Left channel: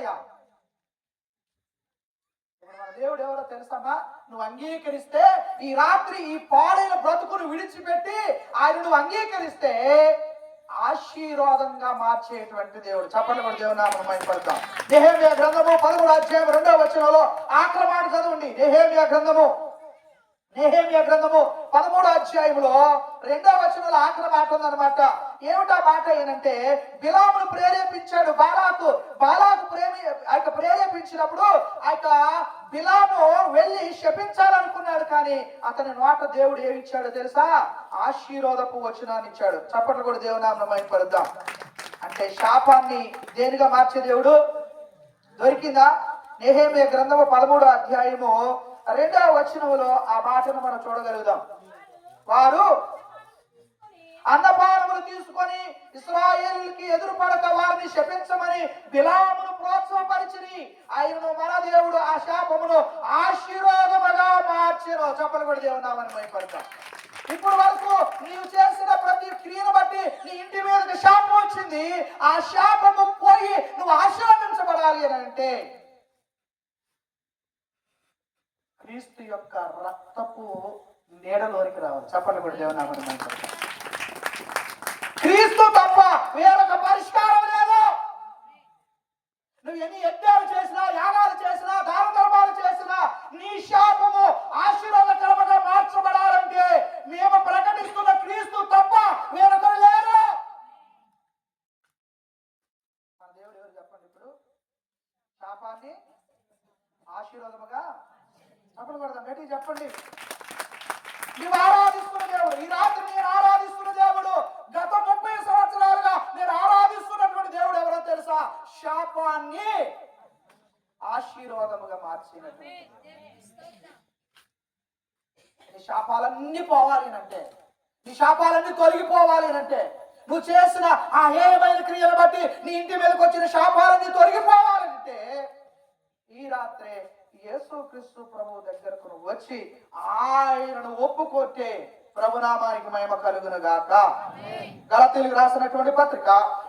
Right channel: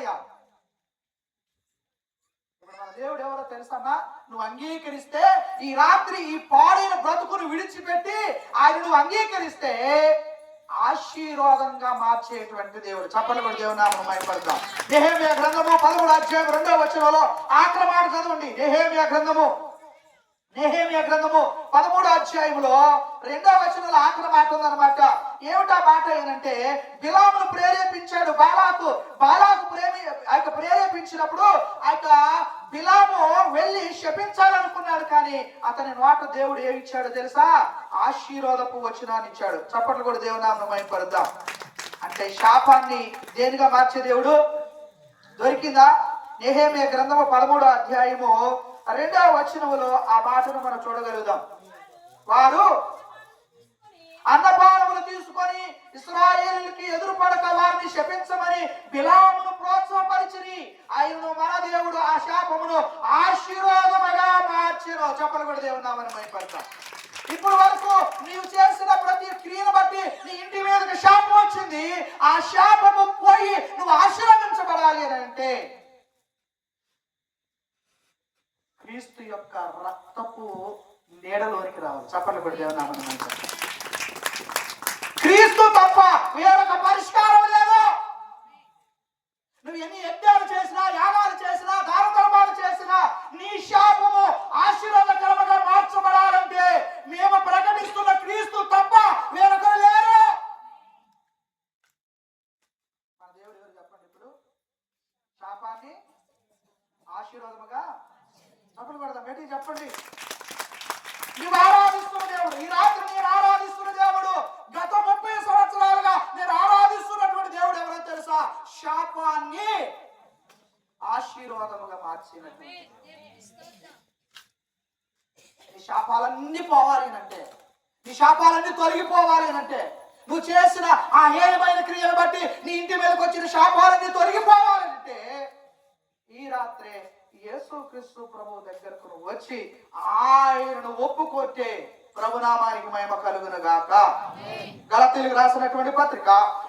అయ్యా. దేవుడు ఎవరో తెలుసమ్మా నువ్వు అంగీకరిస్తే ఈ రాత్రి ఈ పాడైన బ్రతుకును విడిచిపెట్టి ఆయన నువ్వు అంగీకరిస్తే ఆశీర్వాదంగా మార్చేటువంటి దేవుడు. చెప్పండి కూడా దేవుని నామం మైపడతాం నెహేమియా గ్రంథము పదమూడు అధ్యాయం రెండో వచనంలో ఆఖరి చదవండి. నెహేమియా గ్రంథము. నెహేమియా గ్రంథము పదమూడు అధ్యాయంలో రెండో వచనంలో ఆఖరి మాట ఉందన్నమాట. ఏమిటా మాట ఏంటంటే బిలామును ప్రేరేపించాడు బాలాకు. బాలాకు ప్రేమి ఆ యొక్క ప్రేరేపించినప్పుడు ఆ యొక్క బిలాము వెళ్ళి శపించాలనుకున్నాడు కానీ అతని నోట దేవుడు ఏమిచ్చాడు తెలుసా? ఆశీర్వాదపు వచనాన్ని ఇచ్చాడు. చప్పట్లు కూడా దేవునామం మైపరుద్దాం అంటే శాపాన్ని దేనిగా మార్చే దేవుడు? దొరికిందా? నేహేమే గ్రంథము పదమూడో అధ్యాయము రెండవ వచనములో ఆ మాటను మనం చూడగలుగుదాం. వారు అన్నపానములు తీసుకొని ఇస్రాయేలీకి ఎదురు పడక వారిని శపించమని బిలామును ప్రోత్సాహపరిచిరి. ఆయనను మన దేవుడు ఆ శాపమును ఆశీర్వాదముగా మార్చెను. చెప్పలు కూడా దేవుడు నామని మైపడతా ఇప్పుడు వరకు నీవు చేసిన ప్రతి క్రియను బట్టి నీ ఇంటి మీదకి శాపం వచ్చింది. ఆ శాపము పోయి నువ్వు ఆశీర్వదించబడాలి అని అంటే క్రీస్తు యొక్క రక్తపు నీడలోనికి రావాలి. చెప్పండి కూడా దేవుని క్రీస్తు తప్ప వేరొక పరిష్కారం లేదు. నువ్వు ఎన్ని యజ్ఞాలు చేసినా యాగాలు చేసినా దాన చేసినా నీ శాపము ఆశీర్వాదకరముగా మార్చబడాలంటే మేము ప్రకటిస్తున్న క్రీస్తు తప్ప వేరొకరు లేరు. మన దేవుడు ఎవరు చెప్పండి ఇప్పుడు? శాపాన్ని ఆశీర్వాదముగా చెప్పలు కొడదాం ఏంటి చెప్పండి. నువ్వు ఆరాధిస్తున్న దేవుడు. ఈ రాత్రి నేను ఆరాధిస్తున్న దేవుడు. గత ముప్పై సంవత్సరాలుగా నేను ఆరాధిస్తున్నటువంటి దేవుడు ఎవరో తెలుసా? శాపాన్ని ఆశీర్వాదముగా మార్చిన నీ శాపాలన్నీ పోవాలి అంటే నీ శాపాలన్నీ తొలగిపోవాలి అంటే నువ్వు చేసిన ఆ హేయమైన క్రియను బట్టి నీ ఇంటి మీదకి వచ్చిన శాపాలన్నీ తొలగిపో రాత్రే యేసుక్రీస్తు ప్రభు దగ్గరకు వచ్చి ఆయనను ఒప్పుకొట్టే ప్రభునామానికి మహిమ కలుగును గాక. గలతీలకు రాసినటువంటి పత్రిక